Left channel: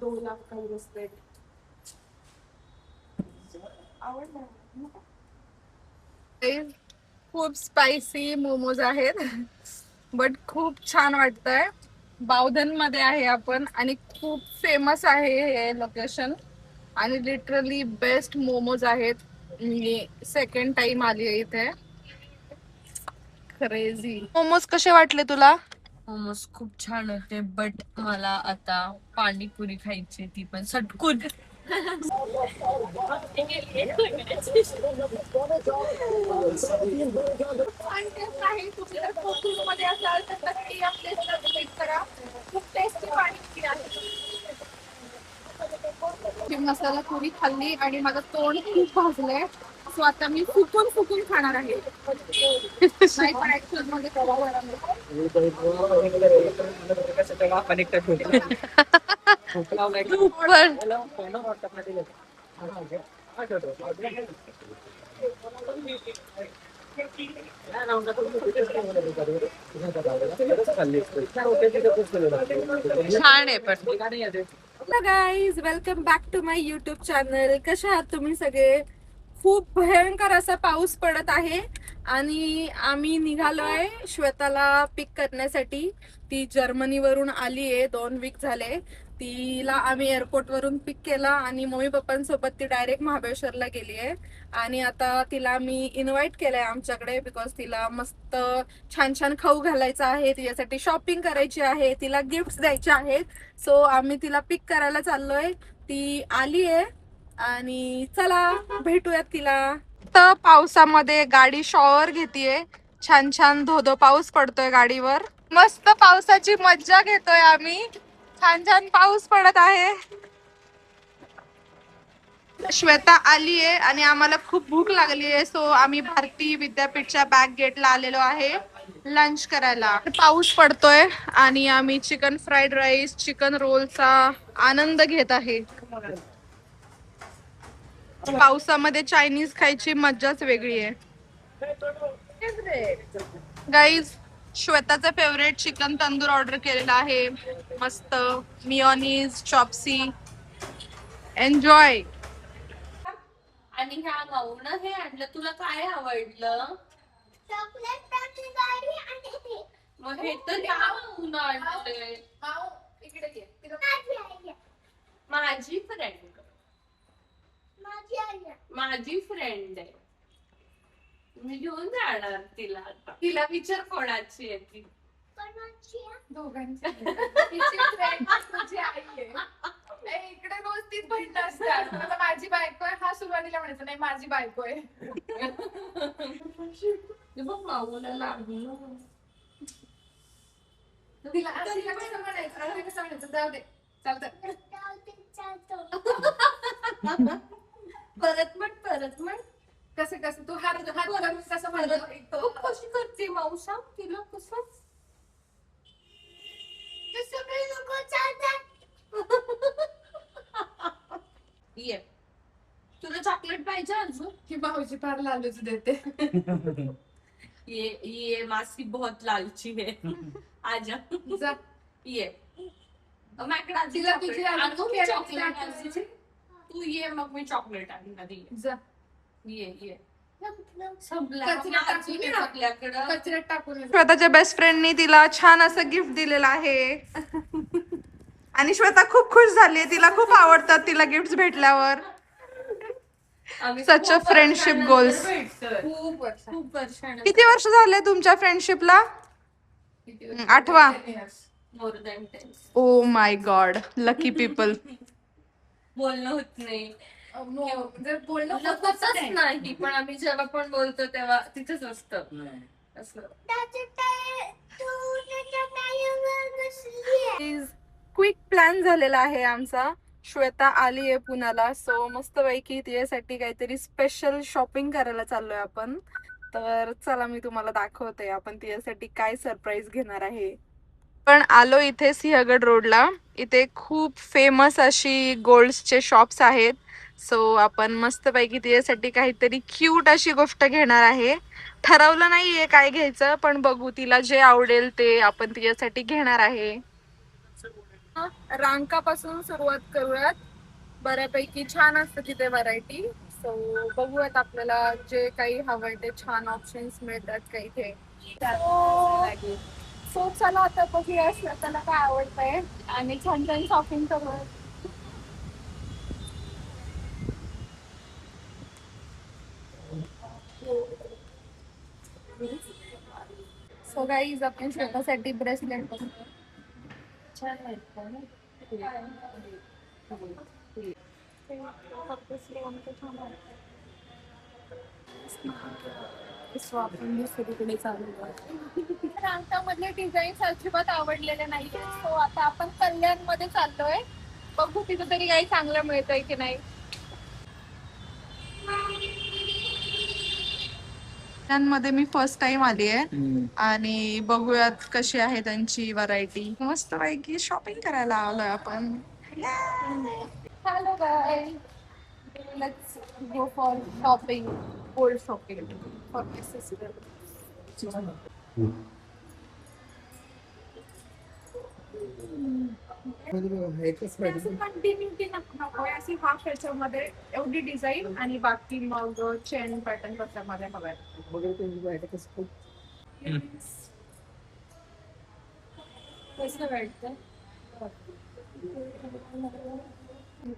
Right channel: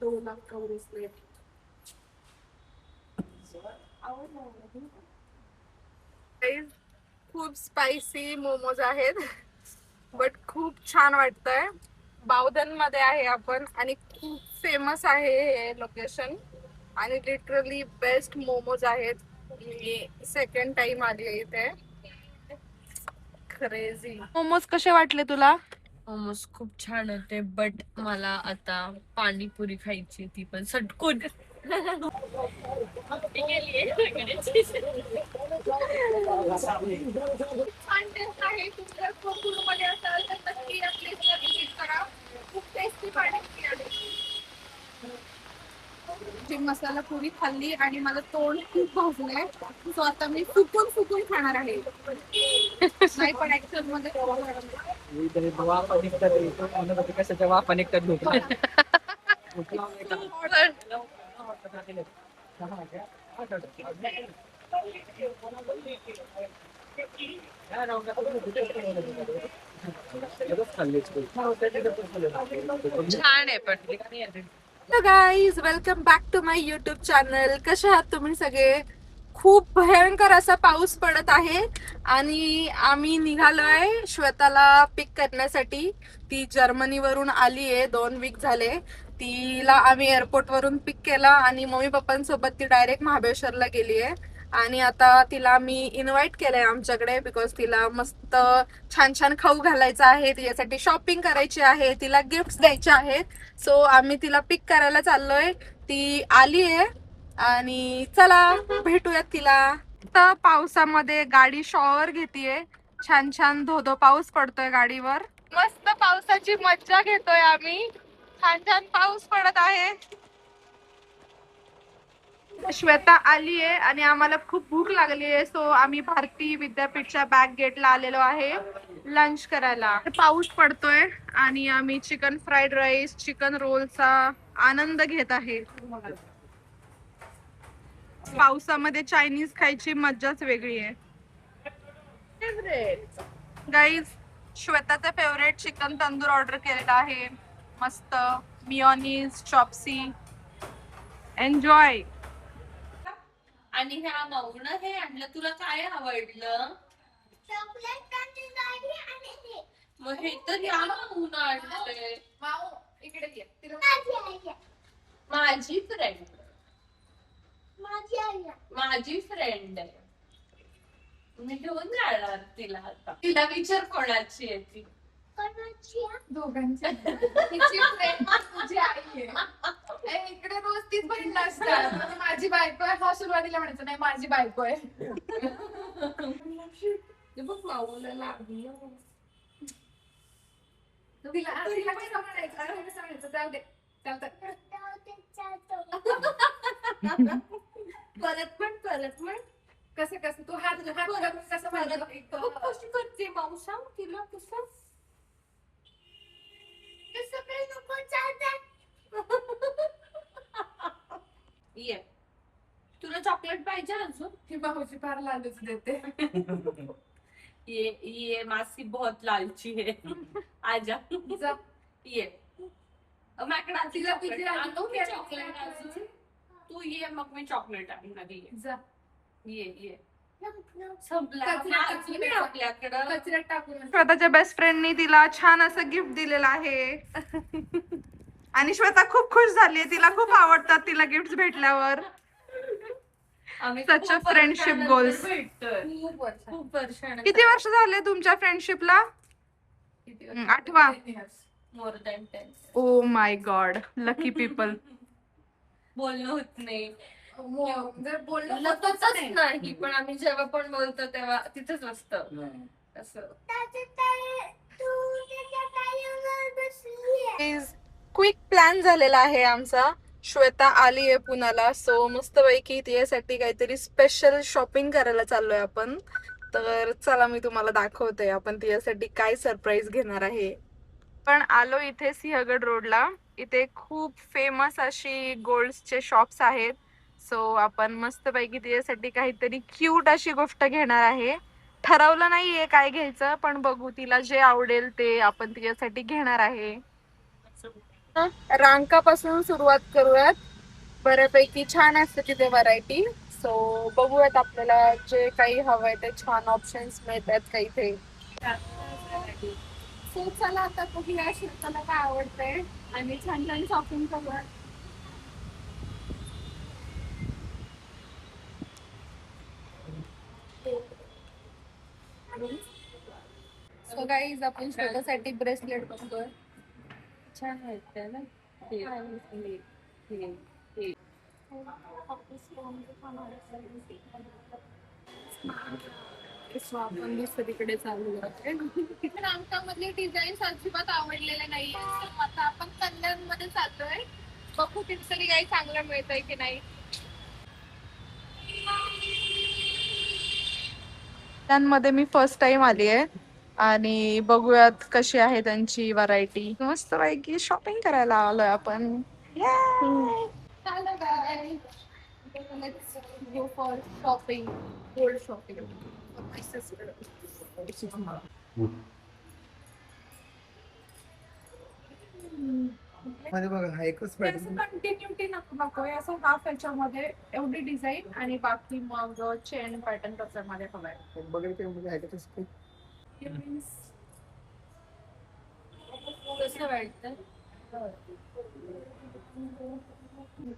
2 लाख का ब्रेसलेट आवडला. खूप स्पायसी मोमोज आहेत बट खूप छान वाटतंय. बावधन मध्ये आहे आपण आणि खूप फेमस आहे हे लोकेशन आणि लिटरली बेस्ट मोमोज आहेत. मी सेकंड टाइम आली आहे इथे. क्रेझी. मोमोज कसे वाटले तुला? मोमोज खूप छान होते बट मला आता पाणीपुरी खायची, ती पण सटकून. छान टेस्ट आहे. तुम्ही जर कोकण मध्ये असाल तर नक्की या प्लेसला व्हिजिट करा. खूप टेस्टी पाणीपुरी आहे. मसाला पुरी खाल्ली आणि माझं तोंड खूप भाजलंय. सो आता मी फुकून फुकून खाणार आहे. नाही पण ऍक्च्युअल मध्ये छान आहे पण. Hello guys, welcome back to my YouTube channel. कसे आहात तुम्ही सगळे? खूप भयंकर असा पाऊस पडत आहे आणि आम्ही निघालोय श्वेताला पिक करण्यासाठी. ती जर्मनीवरून आली आहे, 2 वीक झाले. तिला आम्ही एअरपोर्ट वरून पिक केला आणि मम्मी पप्पांसोबत ती डायरेक्ट महाबळेश्वरला गेली आहे. आणि आता तिला मी इन्व्हाइट केलंय आमच्याकडे बिकॉज तिला मस्त छान छान खाऊ घालायचं आहे, तिच्यासाठी शॉपिंग करायची आहे, तिला गिफ्ट द्यायचे आहेत. सो आम्ही तिला पिक करायला चाललोय. ती आली आहे आणि चला भेटूयात तिला. तर पावसामध्ये गाडी शॉवर घेतीये. छान छान धोधो पाऊस पडतोय गाडीवर. मस्त पावसाची मज्जा घेतोय आम्ही. छान छान पाऊस पडत आहे. श्वेता आली आहे आणि आम्हाला खूप भूक लागली आहे. सो आम्ही भारती विद्यापीठच्या बॅक गेटला आलेलो आहे लंच करायला. पाऊस पडतोय आणि आम्ही चिकन फ्राईड राईस, चिकन रोलचा आनंद घेत आहे. पावसामध्ये चायनीज खायची मज्जाच वेगळी आहे. गाईज, श्वेताचं फेवरेट चिकन तंदूर ऑर्डर केलेला आहे. मस्त मिओनीज, चॉप्सी. एन्जॉय. आणि ह्या माऊन हे आणलं, तुला काय आवडलं? मग हे तर ह्या माऊन आणलंय. माऊ इकडे ये. माझी फ्रेंड, माझी फ्रेंड आहे. मी घेऊन जाणार तिला आता. तिला विचार कोणाची आहे ती. दोघांची. तिची फ्रेंड तुझी आई आहे. इकडे रोज तीच बहीण असतात. आता माझी बायको आहे हा सुरुवातीला म्हणायचं नाही माझी बायको आहे. बघ माऊला लागलं. तिला कसं म्हणायचं जाऊ दे चालतं. परत म्हण. कसं कसं तू हात करून कसं म्हणतो कशी करते मावसा तिला? कसं ये. तुला चॉकलेट पाहिजे अजून? ही भाऊजी फार लालूच देते. ये मासी बहुत लालची है. आजा ये. मॅकडा तिला तुझी आणू मी चॉकलेट. तू ये मग मी चॉकलेट आणून आधी ये. कचऱ्यात टाकून. श्वेताच्या बेस्ट फ्रेंडनी तिला छान असं गिफ्ट दिलेलं आहे आणि श्वेता खूप खुश झाली. तिला खूप आवडतात तिला गिफ्ट भेटल्यावर. Such a friendship goals. खूप वर्षांनी. किती वर्ष झाले तुमच्या फ्रेंडशिपला? 8वा. More than 10. Oh my god, lucky people. बोलणं होत नाही. जर बोलणं होतच नाही पण आम्ही जेव्हा पण बोलतो तेव्हा तिथेच असतं असं. क्विक प्लॅन झालेला आहे आमचा. श्वेता आली आहे पुण्याला. सो मस्त पैकी तिच्यासाठी काहीतरी स्पेशल शॉपिंग करायला चाललोय आपण. तर चला मी तुम्हाला दाखवते आपण तिच्यासाठी काय सरप्राईज घेणार आहे. पण आलो इथे सिंहगड रोडला. इथे खूप फेमस अशी गोल्ड्सचे शॉप्स आहेत. सो आपण मस्त पैकी तिच्यासाठी काहीतरी क्यूट अशी गोष्ट घेणार आहे. ठरवलं नाहीये काय घ्यायचं पण बघू, तिला जे आवडेल ते आपण तिच्यासाठी घेणार आहे. रांकापासून सुरुवात करूयात. बऱ्यापैकी छान असतं तिथे व्हरायटी. सो बघूयात आपल्याला जे काही हवंय ते छान ऑप्शन्स मिळतात का इथे. सो चला आता बघूया श्वेताला काय आवडतंय आणि छान छान शॉपिंग करूयात. सो गाईज आपण श्वेतासाठी ब्रेसलेट बघतोय. छान वाटतं ना. सो आपण दुसरीकडे चाललो आहे. रांकामधले डिझाईन्स अजिबात आवडलेले नाहीये. सो आता आपण कल्याण मध्ये चाललोय. बघू तिथं तरी काही चांगलं मिळतंय की नाही. मध्ये मी फर्स्ट टाइम आली आहे आणि बघूयात कशी आहे त्यांची व्हरायटी. मस्त पैकी शॉपिंग करायला आलोय आपण. Hello guys, let's go for shopping. Gold shopping for my sister. मध्ये बघा हा एकच पॅटर्न. कंटिन्युटी नकोय असं हाफ याच्यामध्ये एवढी डिझाईन आणि बाकी मग चेन पॅटर्न त्याच्यामध्ये हवाय. बघा ते म्हणजे आहे का कसं. कसं वाटतं?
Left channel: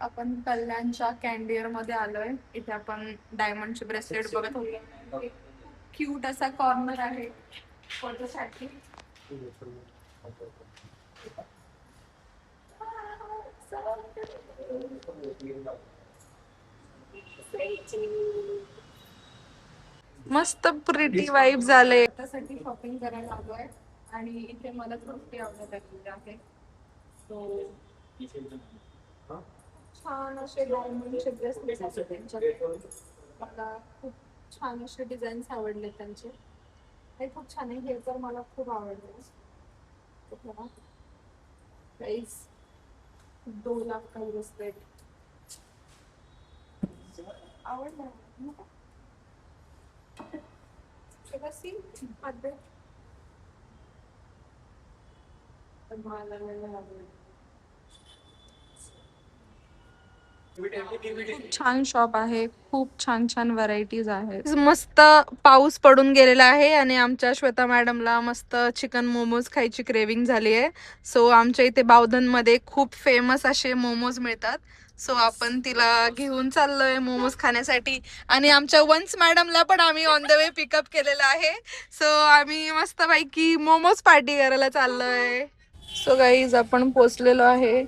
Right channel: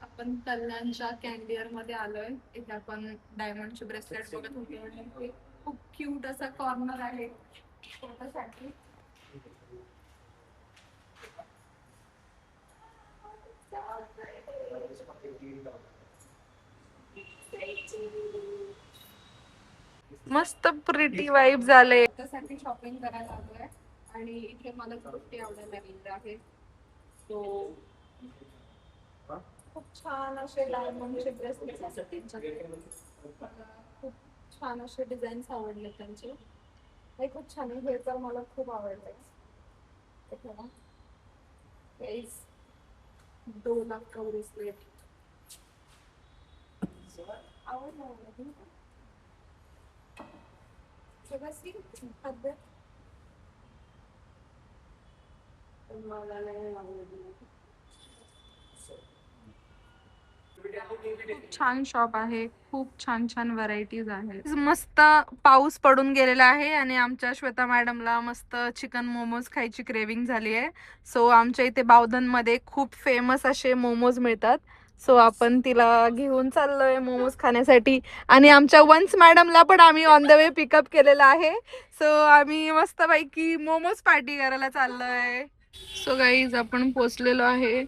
आपण कल्याणच्या कॅन्डियर मध्ये आलोय. इथे आपण डायमंडचे ब्रेसलेट बघत होतो. खूप क्यूट असा कॉर्नर आहे फोटोसाठी. मस्त प्रिटी वाईब झाले. त्यासाठी शॉपिंग करायला आलोय आणि इथे मला कुर्ती आवडायला लागली आहे. तो खूप छान असे डायमंडचे ब्रेसलेट असतात त्यांच्याकडे. मला खूप छान असे डिझाईन्स आवडले त्यांचे. हे खूप छान आहे. हे तर मला खूप आवडलंय. 2 लाख का ब्रेसलेट आवडलं. खूप छान शॉप आहे. खूप छान छान व्हरायटीज आहेत. मस्त पाऊस पडून गेलेला आहे आणि आमच्या श्वेता मॅडमला मस्त चिकन मोमोज खायची क्रेविंग झाली आहे. सो आमच्या इथे बावधन मध्ये खूप फेमस असे मोमोज मिळतात. सो आपण तिला घेऊन चाललोय मोमोज खाण्यासाठी. आणि आमच्या वन्स मॅडमला पण आम्ही ऑन द वे पिकअप केलेला आहे. सो आम्ही मस्त पैकी मोमोज पार्टी करायला चाललोय. सो गाईज आपण पोचलेलो आहे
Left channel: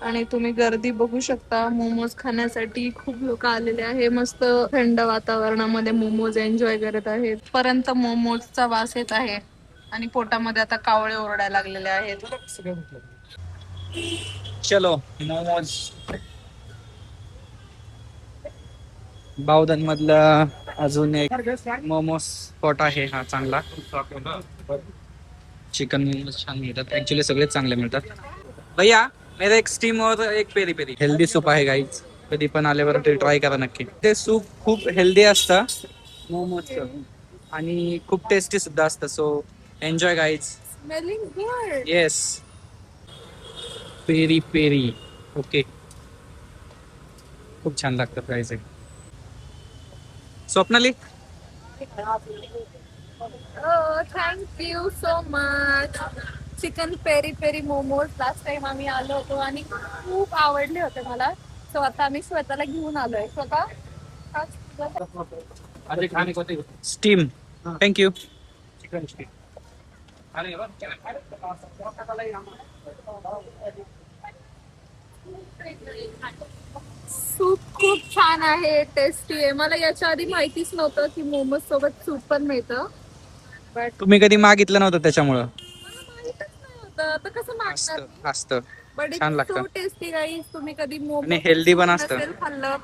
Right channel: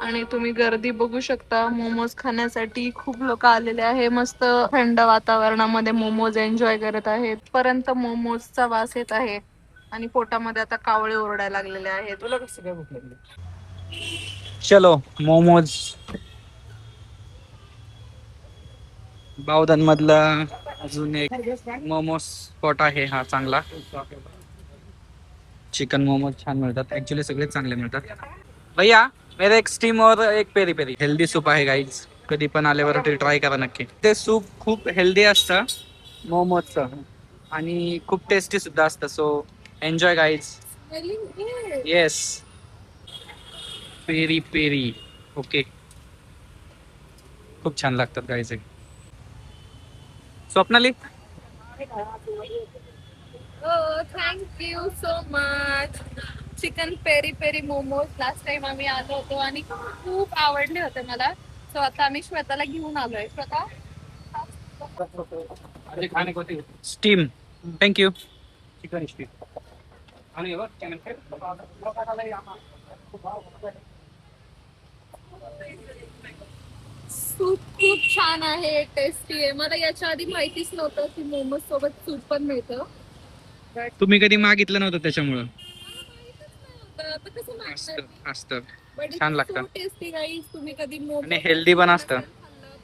आणि तुम्ही गर्दी बघू शकता. मोमोज खाण्यासाठी खूप लोक आलेले आहे. मस्त थंड वातावरणामध्ये मोमोज एन्जॉय करत आहेत. पर्यंत मोमोजचा वास येत आहे आणि पोटामध्ये आता कावळे ओरडायला लागलेले आहेत. तुला कसं काय भूक लागली? चलो मोमोज. बावधन मधला अजून एक मोमोज स्पॉट आहे हा चांगला. चिकन मोमोज छान मिळतात. ऍक्च्युली सगळेच चांगले मिळतात. भैया मेरा एक स्टीम और एक पेरी पेरी. हेल्दी सूप आहे गाईज. कधी पण आल्यावर ते ट्राय करा नक्की. ते सूप खूप हेल्दी असतं मोमोजचं आणि खूप टेस्टी सुद्धा असतं. So enjoy guys. Smelling good. Yes peri peri. Okay खूप छान लागतात guys. Swapnali thank you so much. Chicken peri peri momos last time आम्ही आलो होतो आणि खूप आवडले होते मला. सो आता आम्ही श्वेताला घेऊन आलोय. Shweta steam. Thank you. Chicken steam. Soup खूप छान आहे. टेस्टी आहे. मला याच्या आधी माहितीच नव्हतं की मोमोज सोबत सूप पण मिळतं. तुम्ही कधी मागितलं नव्हतं त्याच्यामुळं. मला माहितच नाही होतं. आता कसं मागणार. असतं बट छान इट्स लागतं सो टेस्टी गाईज. तुम्ही कधी मोमोज आणि हेल्दी पण असतं. खाल्लं,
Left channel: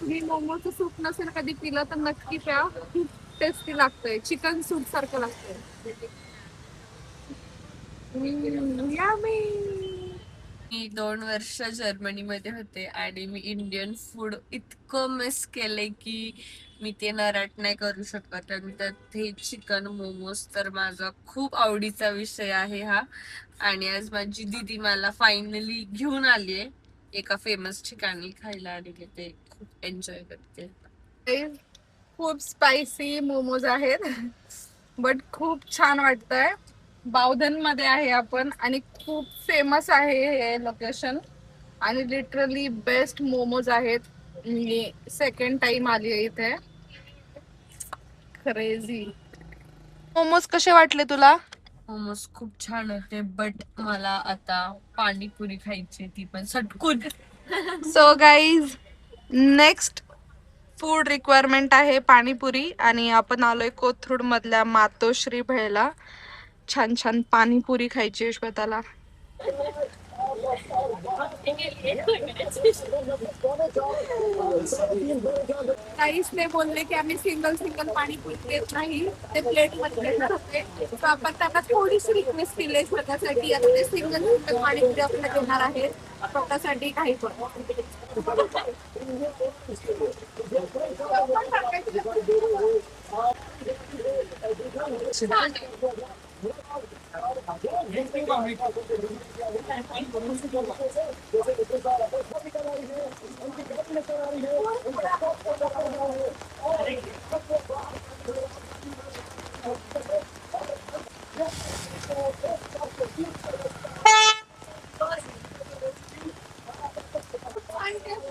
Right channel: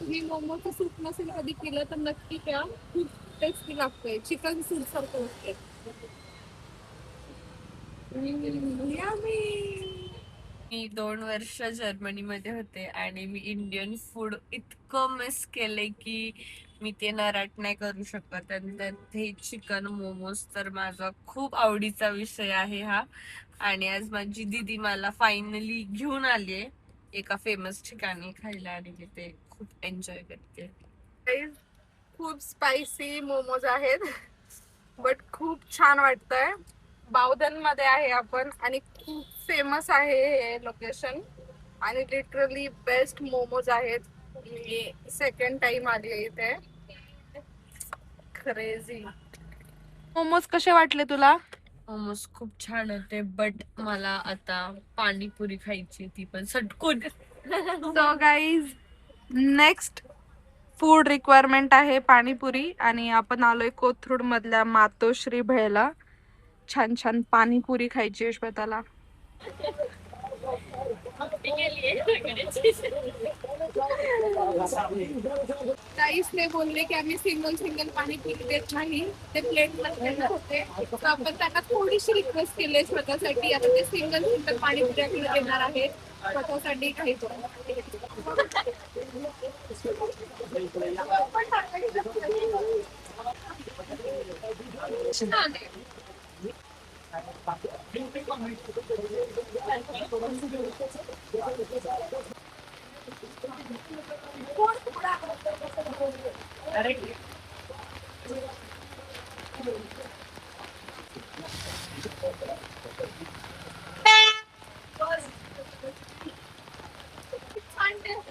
तुम्ही मोमोचं सूप नसेल कधी पिलं तर नक्की प्या. खूप टेस्टी लागतंय. चिकन सूप सारखं लागतंय. मी 2 वर्ष जर्मनीमध्ये होते आणि मी इंडियन फूड इतकं मिस केलंय की मी ते नराट नाही करू शकत. आणि त्यात हे चिकन मोमोज तर माझा खूप आवडीचा विषय आहे हा. आणि आज माझी दीदी मला फायनली घेऊन आलीये एका फेमस ठिकाणी खायला आलेले, ते खूप एन्जॉय करते. खूप स्पायसी मोमोज आहेत बट खूप छान वाटतंय. बावधन मध्ये आहे आपण आणि खूप फेमस आहे हे लोकेशन आणि लिटरली बेस्ट मोमोज आहेत. मी सेकंड टाइम आली आहे इथे. क्रेझी. मोमोज कसे वाटले तुला? मोमोज खूप छान होते, बट मला आता पाणीपुरी खायची, ती पण सटकून. So guys, next food requirement आहे पाणीपुरी आणि आपण आलोय कोथरूड मधल्या मातोश्री भेळला. छान छान पाणीपुरी खायची आहे श्वेताला. ताईसने बोलले की आम्ही सिंगल पाणीपुरी देत नाही, ते प्लेट मध्ये देणार होते. तर आपण त्यांना थोडीशी रिक्वेस्ट केली आहे स्वतःसाठी. आता ते सिंगल पाणीपुरी आपल्याला देणार आहेत स्वतःसाठी काही पण.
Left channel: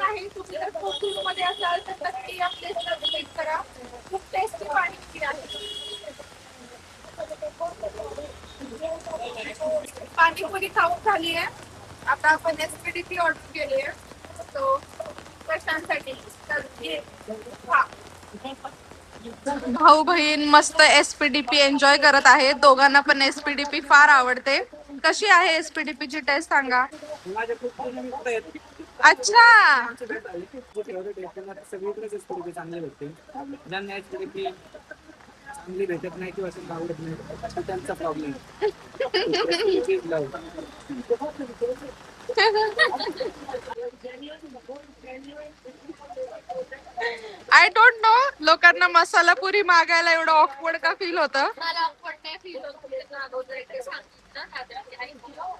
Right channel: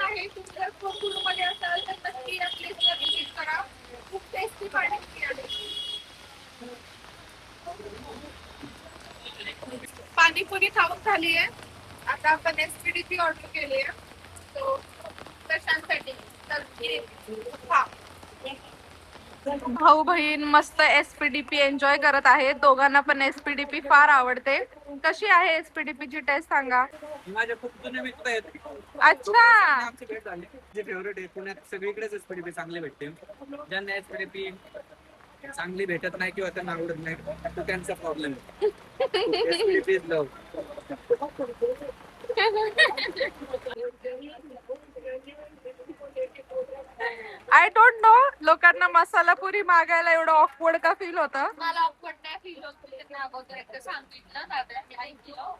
आहे तुम्ही जर कोथरूडमध्ये असाल तर नक्की या प्लेसला व्हिजिट करा. खूप टेस्टी पाणीपुरी आहे. पाणीपुरी खाऊन झाली आहे. आता आपण एसपीडीपी ऑर्डर केली आहे. सो कशांसाठी तर ये खा. भाऊ बहीण मस्त एसपीडीपी एन्जॉय करत आहेत. दोघांना पण एसपीडीपी फार आवडते. कशी आहे एसपीडीपी ची टेस्ट सांगा. माझे खूप जुने मित्र आहेत. अच्छा, आमची भेट झाली. जे फेवरेट आहे पुण्यात सगळीकडेच एसपीडीपी चांगली भेटते. ज्यांना एसपीडीपी चांगली भेटत नाही किंवा त्यांना आवडत नाही तो त्यांचा problem. SPDP is love. I don't know लोकांना मसाला पुरी मागायला एवढं ऑकवर्ड का फील होतं. मला awkward नाही feel होत. त्यांना अगोदर एकदा सांगितलं, दादांनी ऐकलं,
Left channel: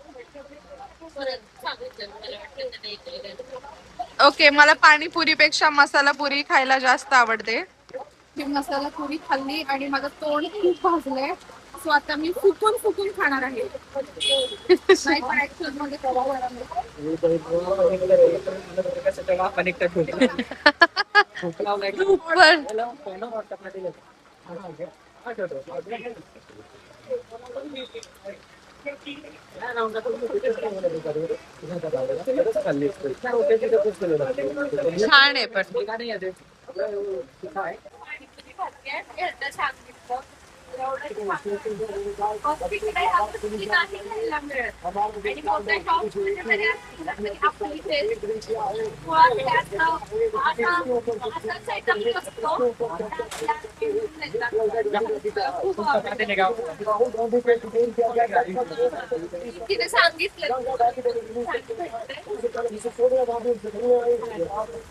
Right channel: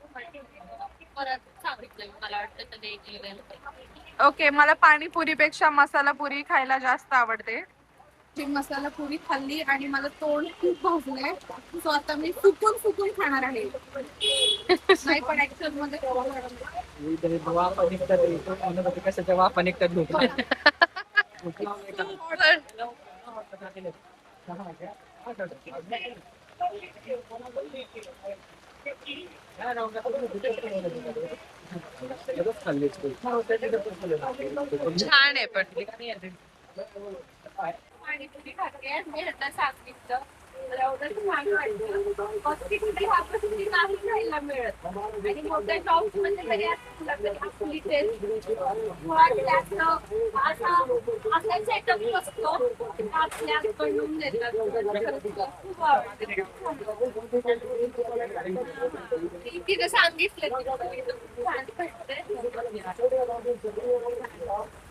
परत सांगितलं. मला वाटलं त्यांनी ऐकलं. ओके, मला पाणीपुरीपेक्षा मसाला पुरी खायला जास्त आवडते. मी मसाला पुरी खाल्ली आणि माझं तोंड खूप भाजलंय. सो आता मी फुकून खाणार आहे. नाही पण ऍक्च्युअल मध्ये खूप आवडलं. कशाच्या वाफा निघतात भूक लावलाय का? छान आहे पण पाणीपुरी खाते मी ह्यांना सांगितलं. मला एवढं छान वाटलं. हॉस्पिटल ह्या गोष्टी नाही खायला मिळत आणि मोठ्या शॉप्स मध्ये जरी असतील तरी आपली टेस्ट किंवा त्यातलं असा सेटअप असतो तर आपल्याकडून देतात. खूप आवडतं. तिने सांगितलं छान भेटते.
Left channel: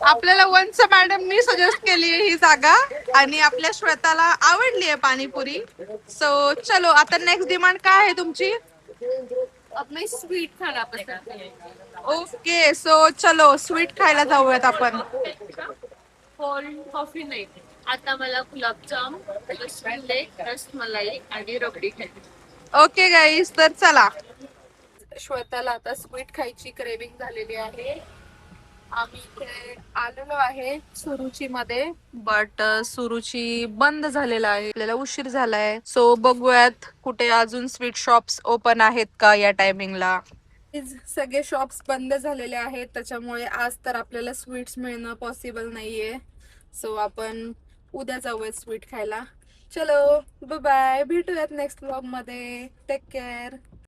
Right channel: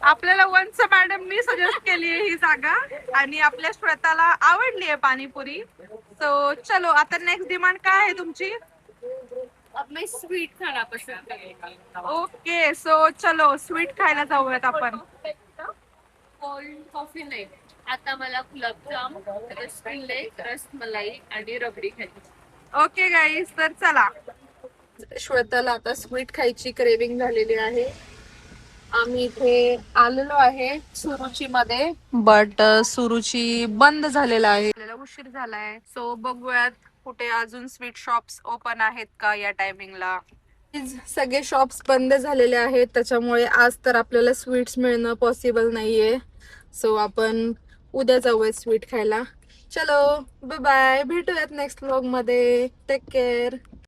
आपल्याला वंश मॅडमनी सजेस्ट केली आहे ही जागा आणि आपल्या श्वेताला आवडली आहे पाणीपुरी. सो चलो, आता नेक्स्ट डिमांड काय आहे तुमची? अब मैं स्वीट खाना पसंद करेंगे. ओके, सो चलो स्वीट खायला जाऊयात आपण. कोल्ड कॉफी नाही, आता मला गुलाबजाम, रसगुल्ले, रसमलाई आणि रबडी खायची. ओके गाईज, तर चला. श्वेताला आता स्वीट खायची क्रेविंग झालेली आहे. आम्ही इथे आलेलो आहे सुरुची मध्ये, बट सुरुची बंद झालेला आहे. आपल्याला उशीर झालाय. सो बघूयात कुठे अजून स्वीट शॉप्स ओपन आहेत का या टायमिंगला. सगळे शॉप्स बंद झालेले आहेत, त्याच्यामुळे आज तर आपल्याला स्वीट्स मिळणं पॉसिबल नाहीये. सो आपण उद्या जाऊयात स्वीट खायला. चलो बाय बाय, भेटूयात नेक्स्ट व्लॉग मध्ये. Take care.